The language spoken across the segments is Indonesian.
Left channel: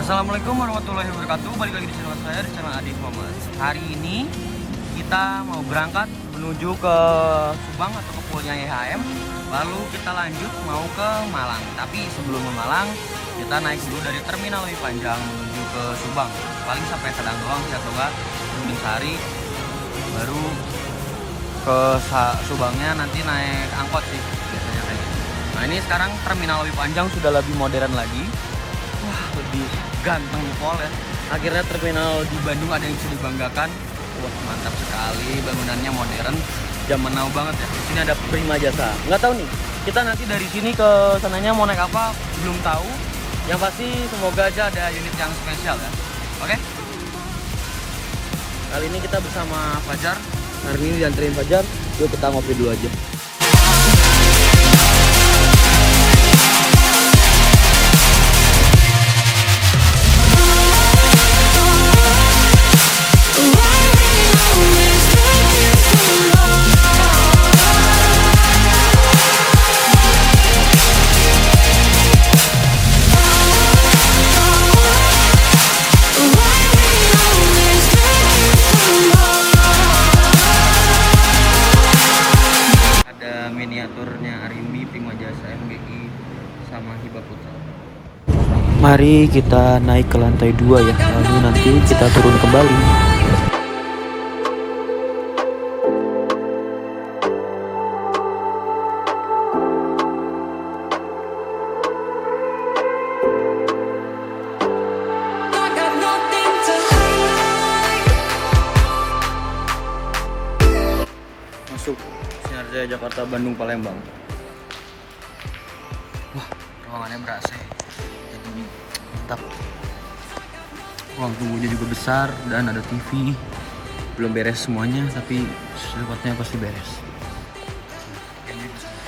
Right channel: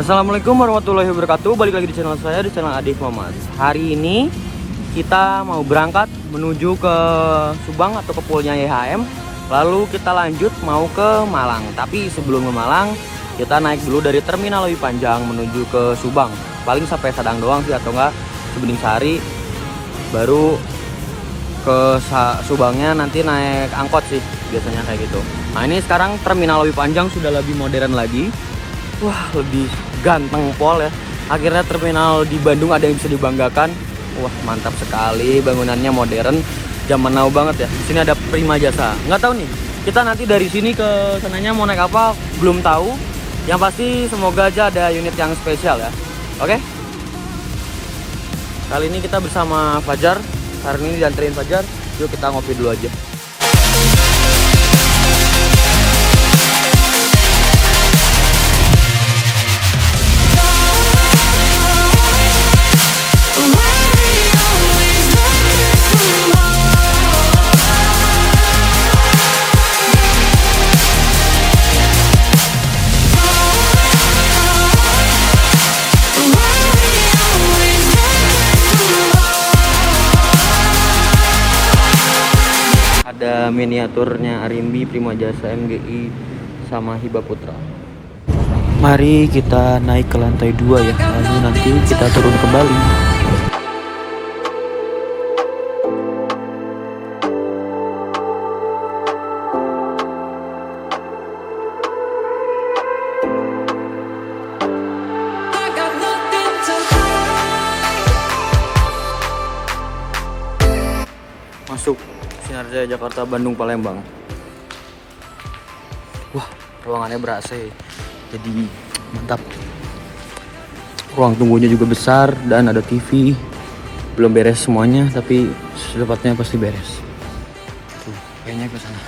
Assalamualaikum warahmatullahi wabarakatuh. Balik lagi di channel saya, di channel Adif Muhammad. Hari ini kita mau berangkat menuju ke Subang atau ke poolnya YHM. Lalu kita lanjut mau ke Malang. Tapi sebelum ke Malang, kita naik dulu dari terminal Lewi Panjang menuju ke Subang. Paling sampai Sadang doang sih, atau enggak Bening Sari. Baru ke Subangnya nanti naik angkot sih, biasanya kayak gitu. Nah ini sekarang terminal Lewi Panjang sudah lebih modern lagi. Wah, lebih ganteng pol ya. Akhirnya terminal di Bandung ada yang bisa dibanggakan. Wah, mantap sekali, bangunannya modern, zaman now banget ya. Di sini ada Prima Jasa. Nggak tahu nih, kita nanti dari sini ke sananya mau naik apa belum tahu. Yang pasti semoga aja ada unit yang spesial ya. Oke? Kali ini kita bersama Fajar. Hari ini dianterin Fajar. Yuk kita ngopi dulu aja. Ada miniaturnya Arimbi, Prima Jasa, MGI, sama Hiba Putra. Mari kita naik ke lantai 2 ya, lalu nanti kita turun kembali. Masuk Sinar Jaya Jakarta Bandung Palembang. Wah, ruangannya ber-AC, jadi mantap. Ruang tunggunya juga besar dan ada TV. Belum beres semuanya, tapi secepatnya pasti beres. Tuh, kayaknya ke sana.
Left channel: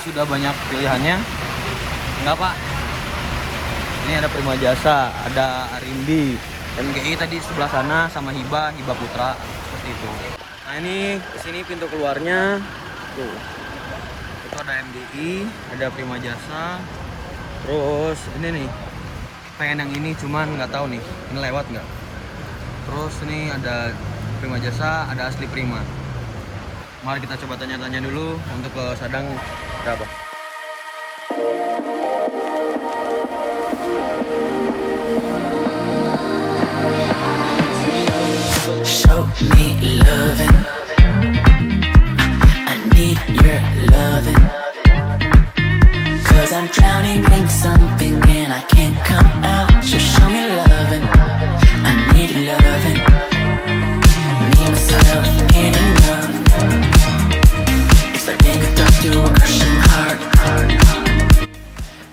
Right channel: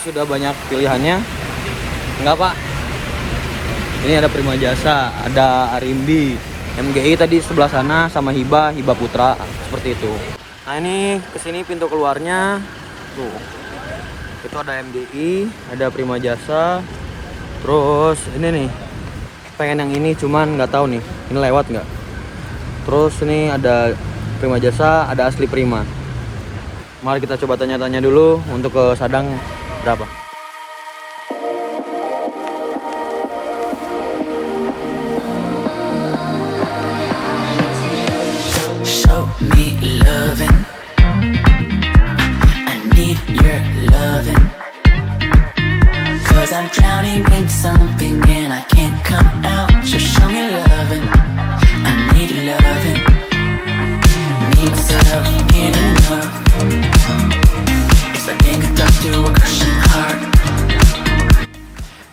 Sudah banyak pilihannya, enggak Pak? Ini ada Prima Jasa, ada Arimbi, MGI tadi sebelah sana, sama Hiba Putra, seperti itu. Nah ini kesini pintu keluarnya, tuh. Itu ada MGI, ada Prima Jasa, terus ini nih, pengen yang ini cuman nggak tahu nih, ini lewat nggak? Terus ini ada Prima Jasa, ada asli Prima. Mari kita coba tanya-tanya dulu untuk ke Sadang. Berapa? Show me loving. I need your loving. Cause I'm drowning in something and I can't come out. So show me loving. I need loving. Me, myself, and enough.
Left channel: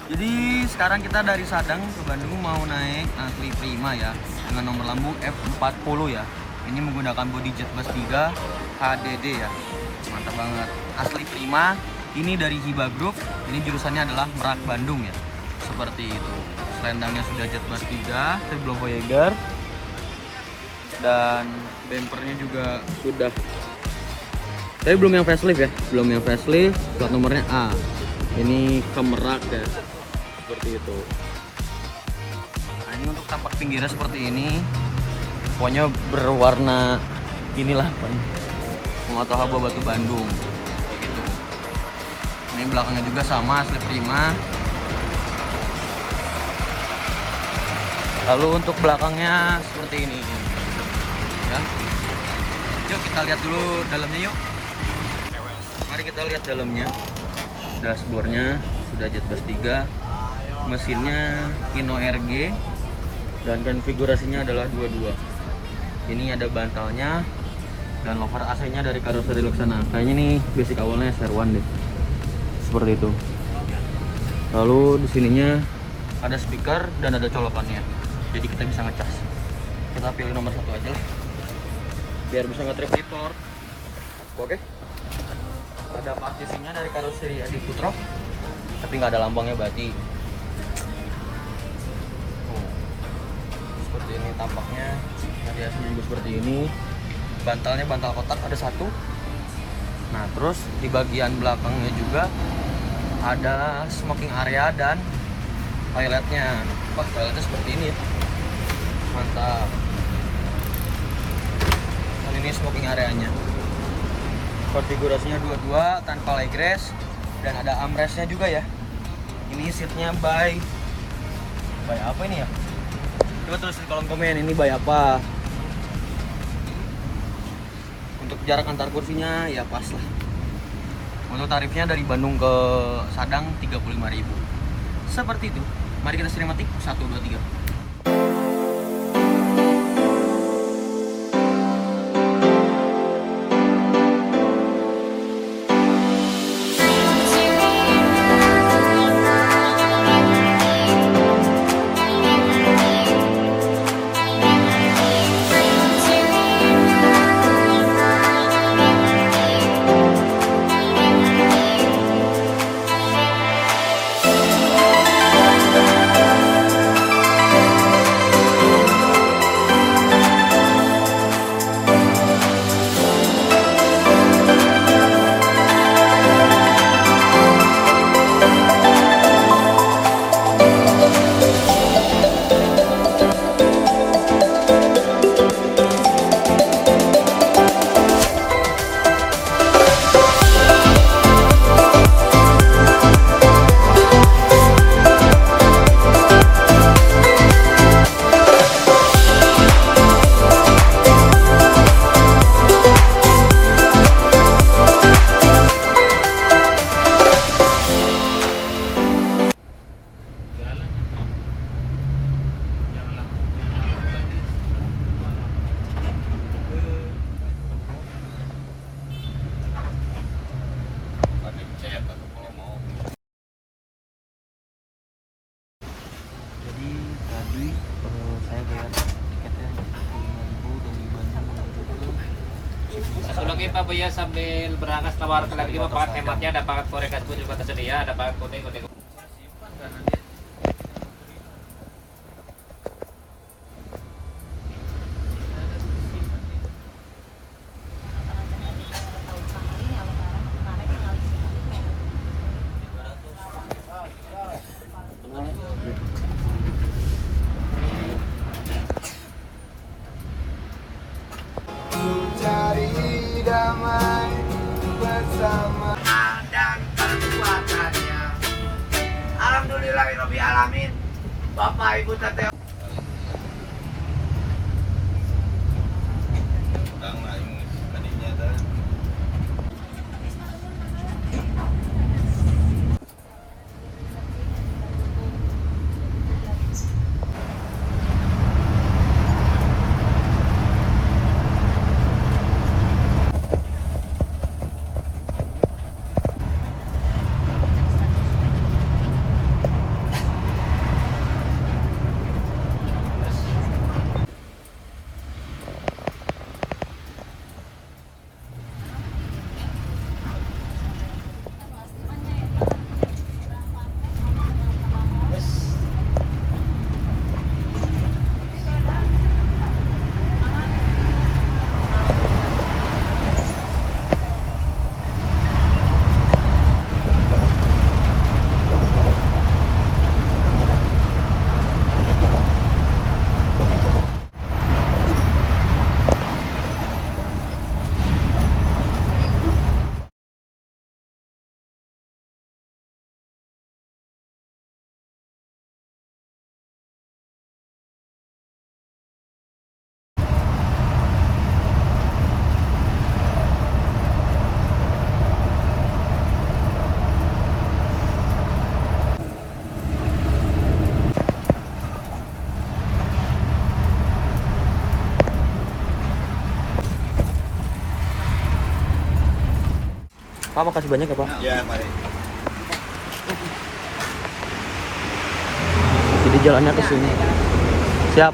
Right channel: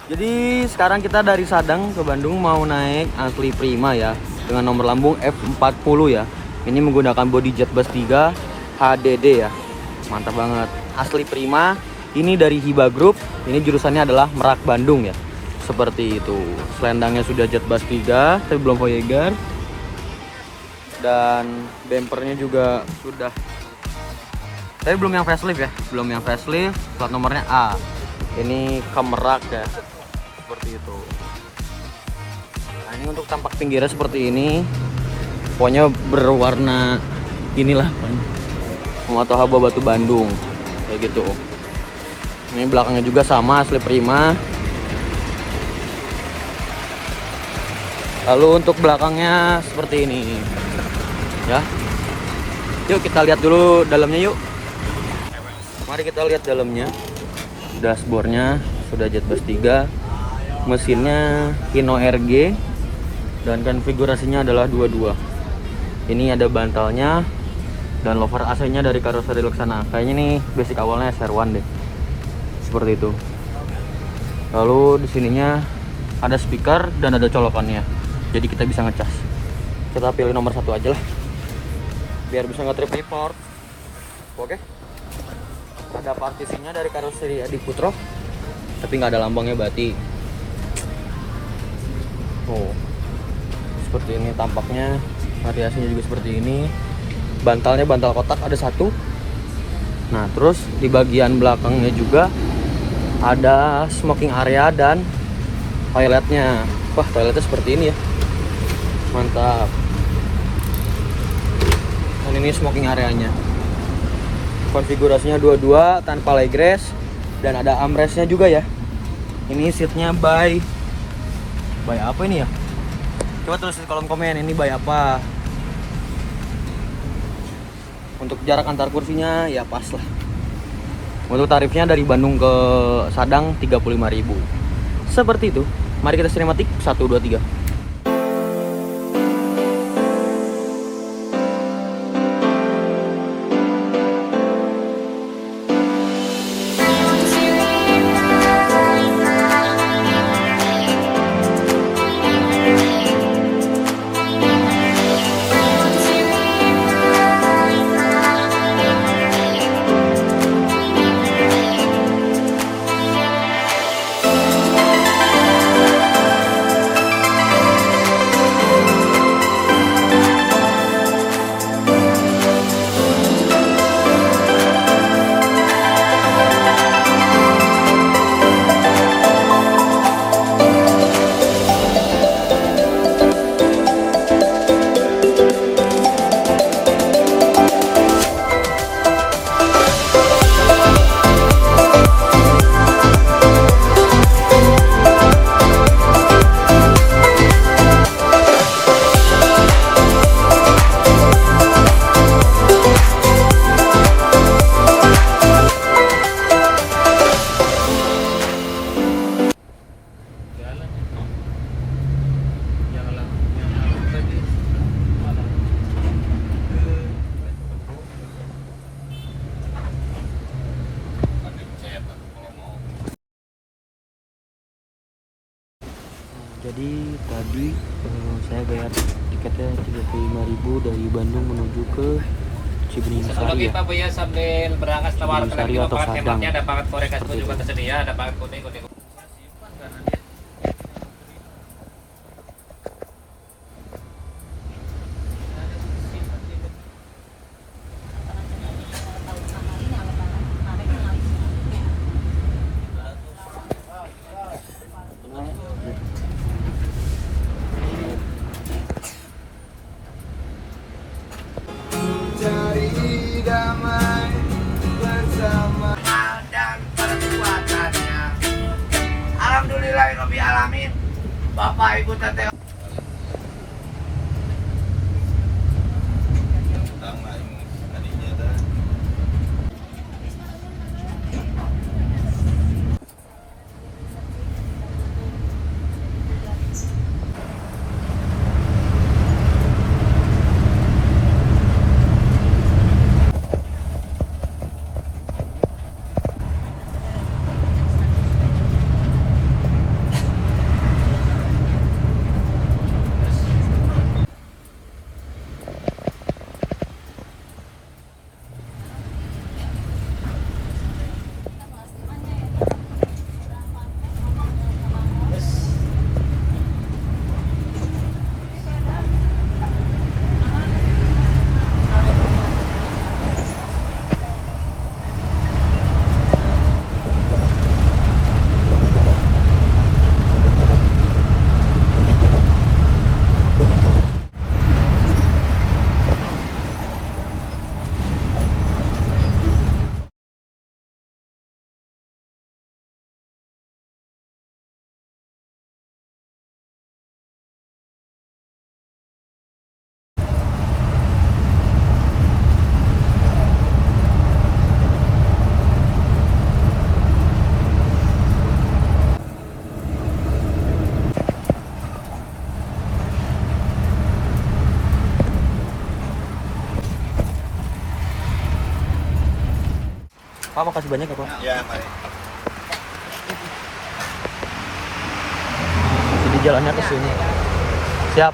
Jadi sekarang kita dari Sadang ke Bandung mau naik asli Prima ya, dengan nomor lambung F40 ya. Ini menggunakan bodi jet bus 3 HDD ya. Mantap banget. Asli Prima. Ini dari Hiba Group. Ini jurusannya adalah Merak Bandung ya. Seperti itu. Selendangnya sudah jet bus 3, tapi belum Voyager. Dan bempernya juga sudah, tapi belum yang facelift ya, belum yang facelift. Plat nomornya A. Ini ke Merak ya, seperti itu. Nah ini untuk tampak pinggirnya seperti ini. Pokoknya berwarna inilah, Pematah Haba Batu Bandung, kayak gitu. Ini belakangnya juga sama, asli Prima. Lalu untuk belakangnya seperti ini, ya. Yuk kita lihat dulu dalamnya yuk. Mari kita lihat dalamnya. Dashboardnya sudah jet bus 3, mesinnya Hino RG, dan konfigurasinya adalah 22. Ini ada bantalnya dan lover AC-nya dari Karoseri Luxana. Kayaknya nih basic awalnya SR1 deh, seperti itu. Lalu di sininya ada speaker dan ada colokannya, jadi kita bisa ngecas. Kita pilih nomor 1 aja lah biar bisa nge-trip report. Oke, ada partisnya dari karoseri Adi Putro tapi nggak ada lambangnya, berarti oh seperti ini tampaknya. Variasinya juga seperti ini. Bantalnya bantal kotak ada 1. Nah terus di bagian belakangnya juga ada smoking area dan toiletnya. Wah, toiletnya seperti ini ya, mantap. Dan ini smoking areanya, konfigurasinya dua-dua tanpa legress dan ada armrestnya juga ya. Ini seatnya by apa ini ya, coba tulis di kolom komen ini by apa. Untuk jarak antar kursinya ya pas lah. Untuk tarifnya dari Bandung ke Sadang 35.000. Seperti itu. Mari kita sinematik 1 2 3. Jadi tadi saya bayar tiketnya 35.000 dari Bandung menuju ke Cibening Sari ya. Pak ya sambil berangkat tawarkan Sari atau Sadang. ada banget korekas juga tersedia, ada banget kode-kode. Alhamdulillahirobbilalamin. Bapak Ibu Teteh. Pak, makasih banyak ya Pak. Ya, mari. sana ke sini. Siap.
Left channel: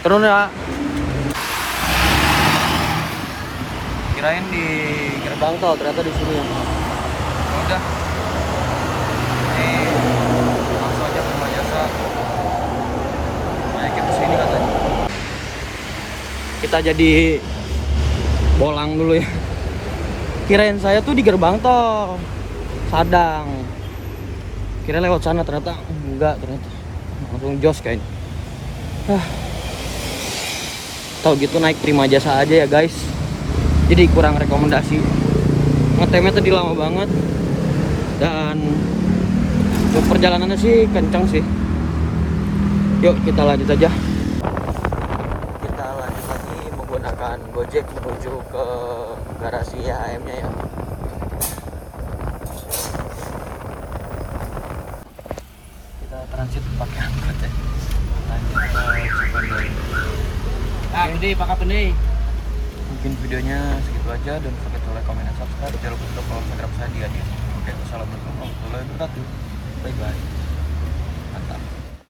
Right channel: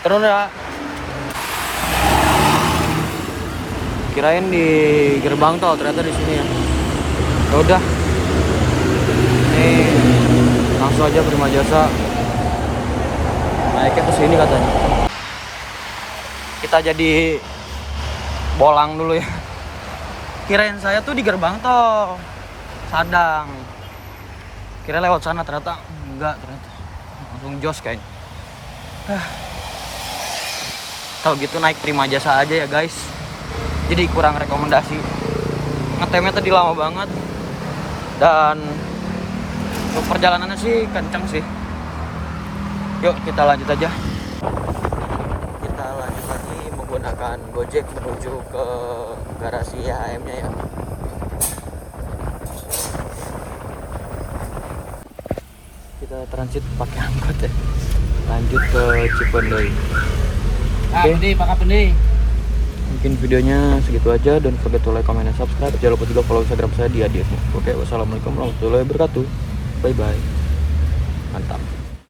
Turun ya. Kirain di gerbang tol, ternyata di sini. Ya udah. Ini langsung aja Prima Jasa. Naiknya ke sini katanya. Kita jadi bolang dulu ya. Kirain saya tuh di gerbang tol Sadang. Kirain lewat sana, ternyata enggak, ternyata langsung jos kayaknya. Tahu gitu naik Prima Jasa aja ya guys. Jadi kurang rekomendasi. Ngetemnya tadi lama banget. Dan untuk perjalanannya sih kencang sih. Yuk kita lanjut aja. Kita lanjut lagi menggunakan Gojek menuju ke garasi IHM-nya ya. Kita transit pakai angkot ya. Lanjut ke Cipendoy. Oke. Mungkin videonya segitu aja. Don't forget to like, comment, dan subscribe. Jangan lupa juga follow Instagram saya di Adif. Oke, wassalamualaikum warahmatullahi wabarakatuh. Bye bye. Mantap.